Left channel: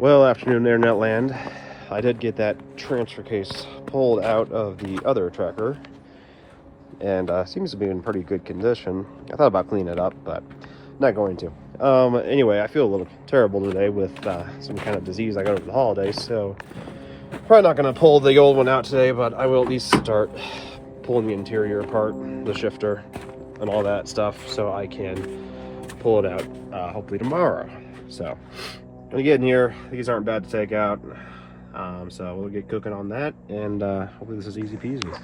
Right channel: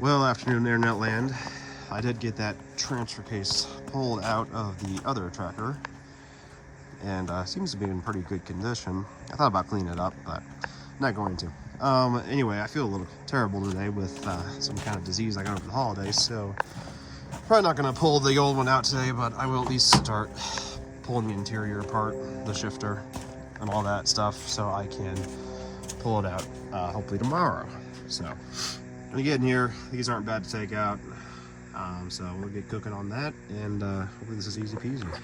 Well, afternoon internet land. I did get that transfer case pulled out of the other tracker, and seems to be in pretty good condition. I thought about cleaning it up, but not going to. Anyway, I feel a little terrible today with some kind of disease I got over the holidays, so probably not going to pull the old one out today, but I will at least start pulling the interior apart, the shifter, and all that stuff, so I can pull it out hopefully tomorrow. So gonna get in here. These aren't bad to take out, so we'll get cooking on that, and hopefully this is easy peasy.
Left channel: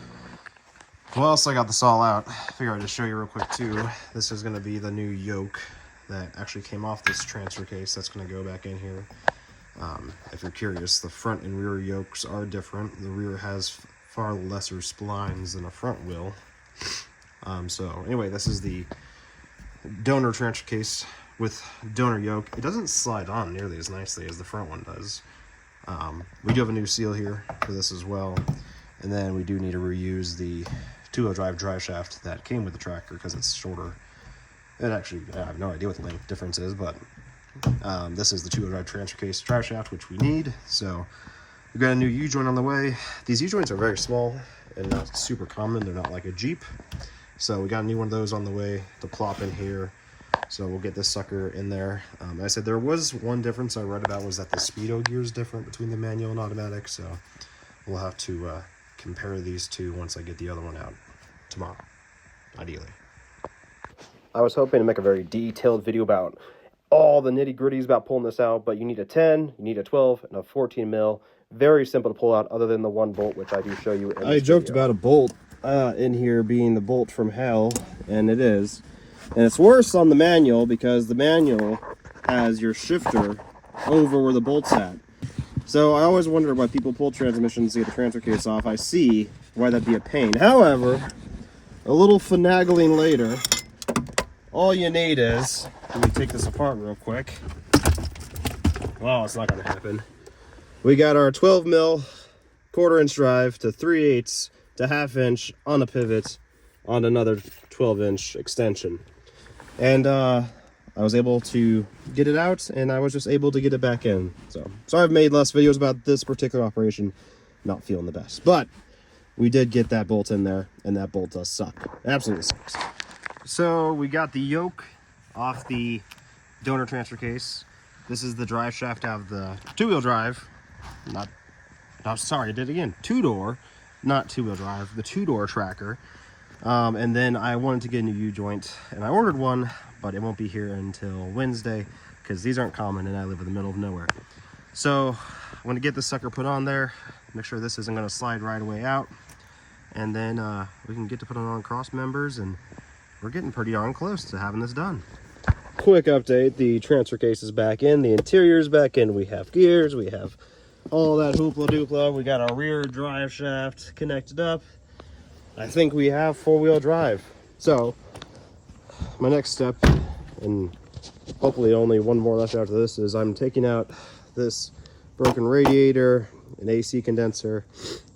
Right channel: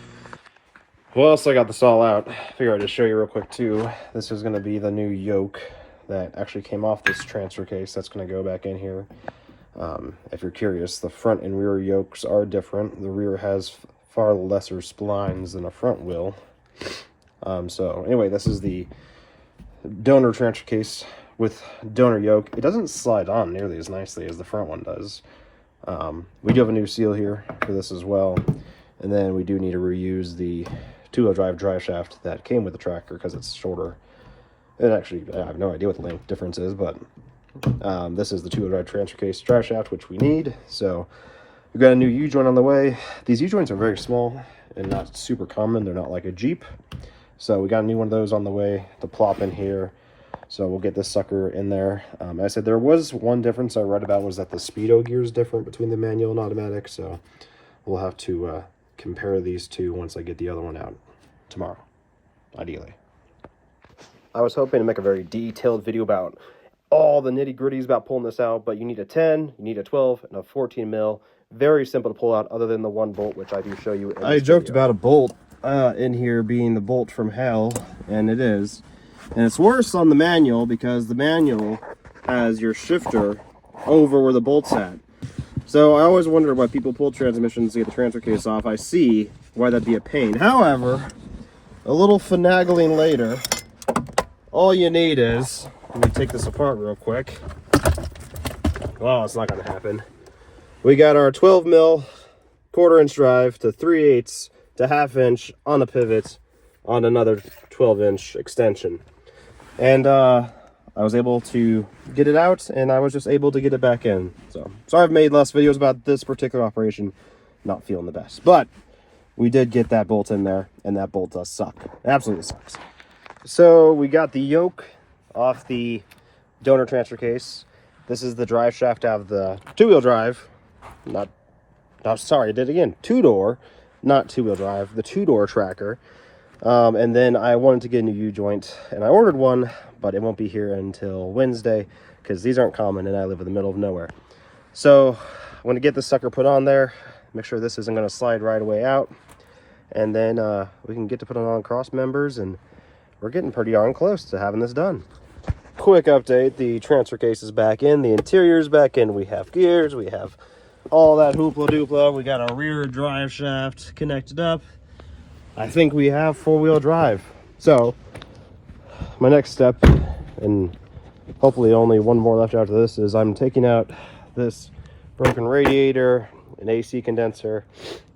Well, so I got this all out. Figure I'd just show you real quick too. This is gonna be the new yoke that actually came off this transfer case. That's gonna go back in here. If you're curious, the front and rear yokes are different. The rear has far lesser splines than a front will. So anyway, this is the donor transfer case with donor yoke. It doesn't slide on nearly as nicely as the front one does. We do have a new seal here for this as well, and then we do need to reuse the two-wheel drive shaft that came with the tractor because it's shorter. It actually, I have no idea what the length difference is, but this is the two-wheel drive transfer case drive shaft, which we need. So we've got a new U-joint on the way. These U-joints are very small and not super common. They're not like a Jeep. So we got a new one of those on the way to plop in here. So we'll get this sucker in there. I said there was one difference I read about, was that the speedo gear is different between the manual and automatic. So we'll have to compare these two once I get the other one out tomorrow, ideally. I was hoping to make a very detailed video about all the nitty gritties about pulling this out, but you need a 10, you need a 12, and a 14 mil. Very simple to pull out other than the one bolt, which I do show you in this I joked video. about a bolt in here being the bolt from hell, and it is. And it's worse on the manual because the manual has your shifter over where the bolt's at. So I always wonder why people pull transmissions to get the transfer case off. I see why that'd be a pain. However, a little finagling later, all you need is, let me take this apart real quick. Oh, it's not gonna happen. We got our 12 mil quarter-inch drive to 3/8 to half-inch on a pivot on another 12-inch extension. And I was able to get it out, and I was just able to get it back in. So sorry I've made less videos about this particular operation. Not feeling the best. But we did get that bolt in there, and that bolt does suck. It absolutely sucks. So we got the yoke off the donor transfer case. This is the drive shaft out of the two-wheel drive. Sorry, I did it again. Two-door, not two-wheel drive. The two-door tracker. And then I wanted to get a new U-joint, and I ordered one, but it won't be here until Wednesday because these aren't common and I live in the middle of nowhere. So I'm going to get this sucker put on there, make sure this isn't going to slide right away out, and then we can get to put it on cross members, and we're getting pretty darn close to having this done. Quick update, the transfer case is back in, the interior is back in, we have gears, we have all that hoopla doopla, we got our rear drive shaft connected up. I think we have four-wheel drive. So my next step, and hopefully only one more left after this, is I'm taking out this broken radiator, an AC condenser,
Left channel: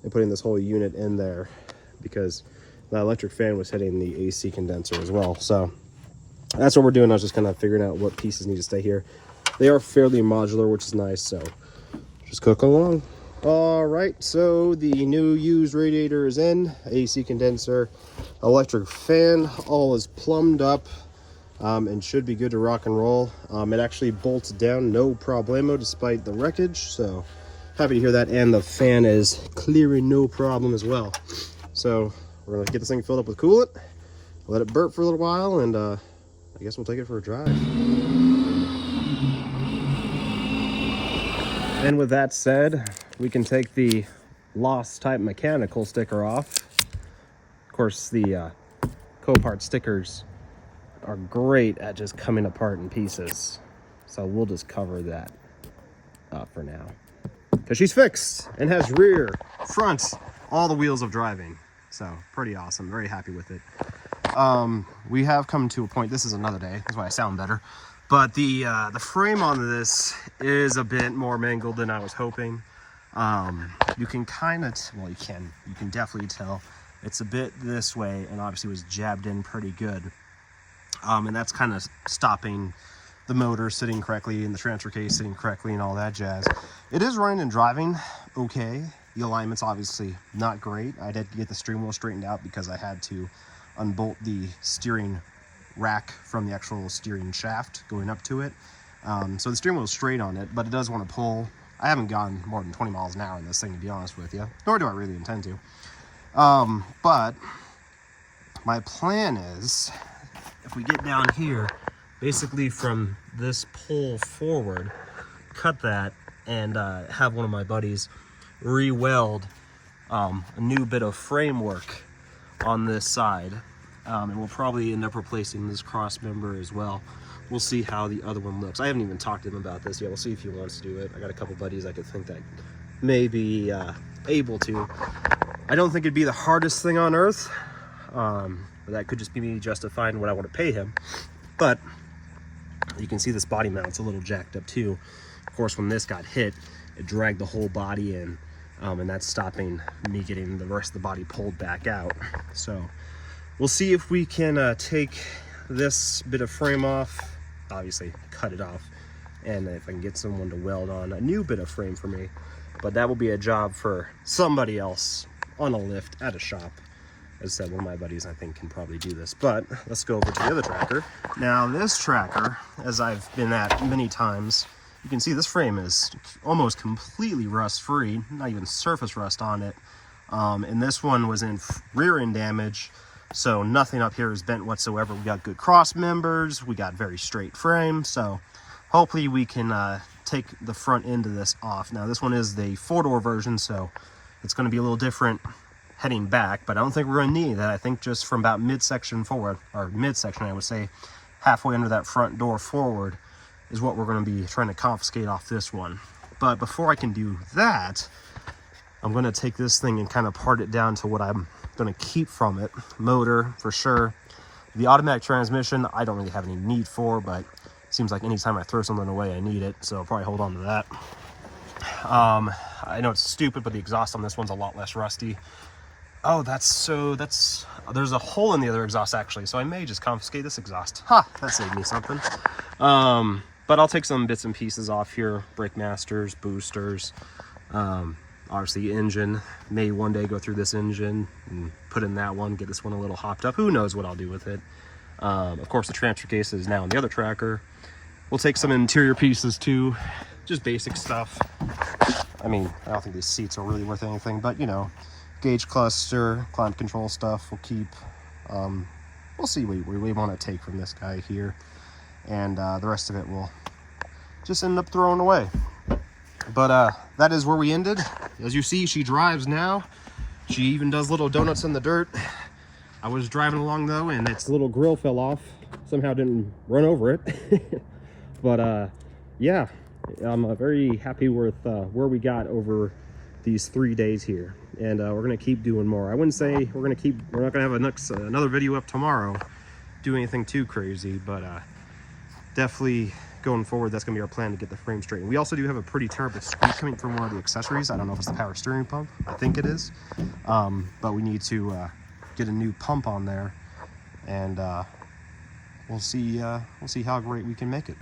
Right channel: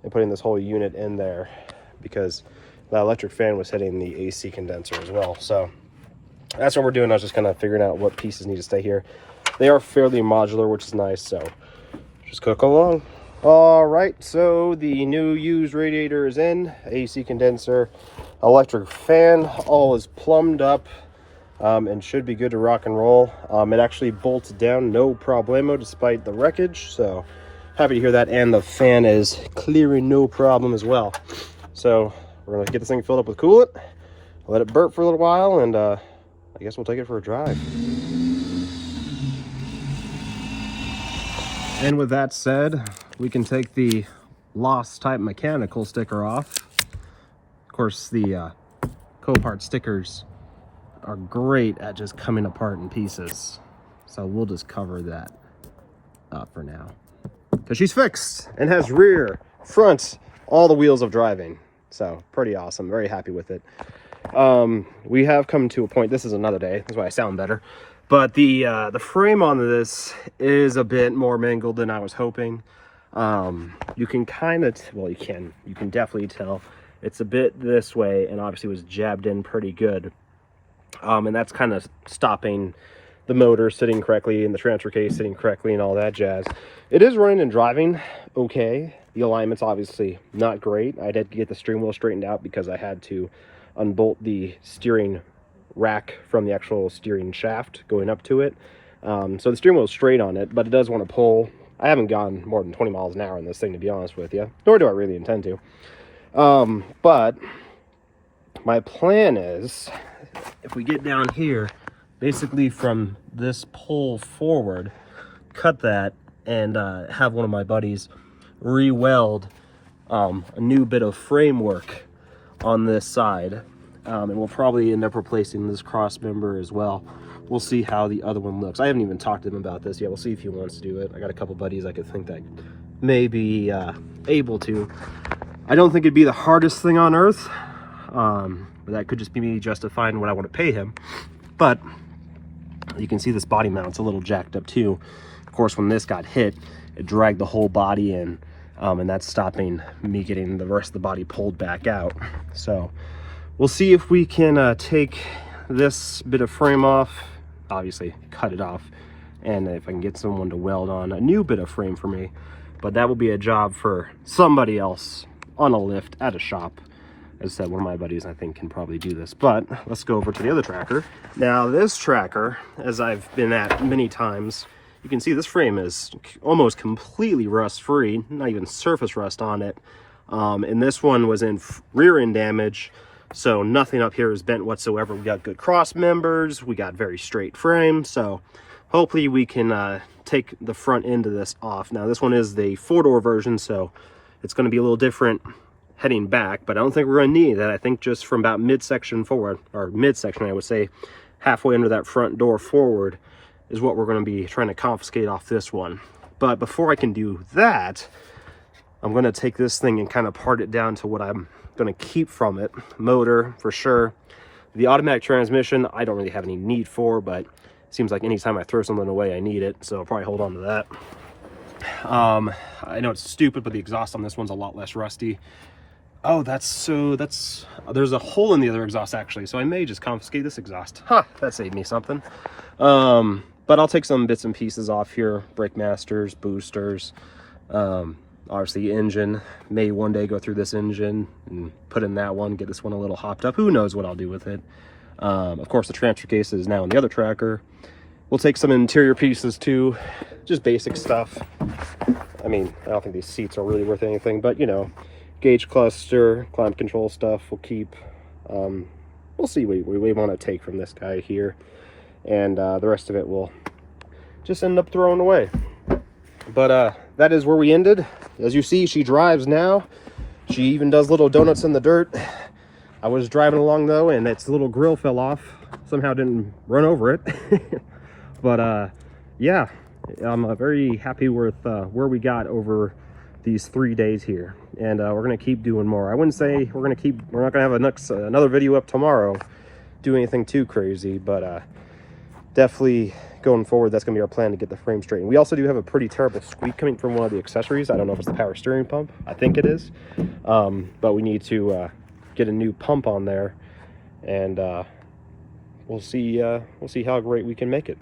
and putting this whole unit in there because the electric fan was hitting the AC condenser as well. So that's what we're doing. I was just kind of figuring out what pieces need to stay here. They are fairly modular, which is nice, so just cook along. All right, so the new used radiator is in, AC condenser, electric fan, all is plumbed up and should be good to rock and roll. It actually bolts down no problemo despite the wreckage, so happy to hear that. And the fan is clearing no problem as well. So we're gonna get this thing filled up with coolant, let it burp for a little while, and I guess we'll take it for a drive. And with that said, we can take the lost type mechanical sticker off. Of course, the Copart stickers are great at just coming apart in pieces. So we'll just cover that up for now. Because she's fixed and has rear, front, all the wheels of driving. So pretty awesome, very happy with it. We have come to a point, this is another day, that's why I sound better. But the frame on this is a bit more mangled than I was hoping. You can kind of, well, you can definitely tell it's a bit this way, and obviously was jabbed in pretty good. And that's kind of stopping the motor sitting correctly and the transfer case sitting correctly and all that jazz. It is running and driving okay. The alignment's obviously not great. I did get the steering wheel straightened out because I had to unbolt the steering rack from the actual steering shaft going up to it. So the steering wheel is straight on it, but it does want to pull. I haven't gone more than 20 miles an hour in this thing, to be honest with you, nor do I really intend to. But my plan is, if we get down here, basically from this pole forward, cut that and have one of my buddies re-weld a new bit of framework on this side, and we'll probably end up replacing this cross member as well. We'll see how the other one looks. I haven't even talked to him about this yet. We'll see if he wants to do it. I got a couple buddies I could think that may be able to. I don't think it'd be the hardest thing on earth. That could just be me justifying what I want to pay him. But you can see this body mount's a little jacked up too. Of course, when this got hit, it dragged the whole body in, and that's stopping me getting the rest of the body pulled back out. So we'll see if we can take this bit of frame off, obviously cut it off, and if I can get someone to weld on a new bit of frame for me. But that will be a job for somebody else on a lift at a shop. As I said, one of my buddies I think can probably do this. But let's go over to the other tracker. Now this tracker, as I've been at many times, you can see this frame is almost completely rust free, not even surface rust on it. And this one was in rear end damage, so nothing up here is bent whatsoever. We got good cross members, we got very straight frame, so hopefully we can take the front end of this off. Now this one is the 4-door version, so it's going to be a little different heading back, but I don't think we're going to need that. I think just from about midsection forward, or midsection I would say, halfway under that front door forward, is what we're going to be trying to confiscate off this one. But before I can do that, I'm going to take this thing and kind of part it down to what I'm going to keep from it. Motor, for sure. The automatic transmission, I don't really have any need for, but it seems like anytime I throw something away, I need it, so I'll probably hold on to that. I know it's stupid, but the exhaust on this one's a lot less rusty. Oh, there's a hole in the other exhaust, actually, so I may just confiscate this exhaust. That saved me something. But I'll take some bits and pieces off here, brake masters, boosters, obviously engine. May one day go through this engine and put in that one, get this one a little hopped up. Who knows what I'll do with it. Of course, the transfer case is now in the other tracker. We'll take some interior pieces too, just basic stuff. I mean, I don't think these seats are really worth anything, but you know, gauge cluster, climate control stuff we'll keep. We'll see what we want to take from this guy here, and the rest of it will just end up throwing away. But that is where we ended. As you see, she drives now. She even does little donuts in the dirt. I was driving along though, and its little grill fell off. Somehow didn't run over it. But yeah, I'm very happy with where we got over these 3 days here, and we're gonna keep doing more. I wouldn't say we're not gonna have another video up tomorrow, do anything too crazy, but definitely going forward, that's gonna be our plan to get the frame straight. And we also do have a pretty terrible squeak coming from one of the accessories. I don't know if it's the power steering pump. I think it is, but we need to get a new pump on there, and we'll see how great we can make it.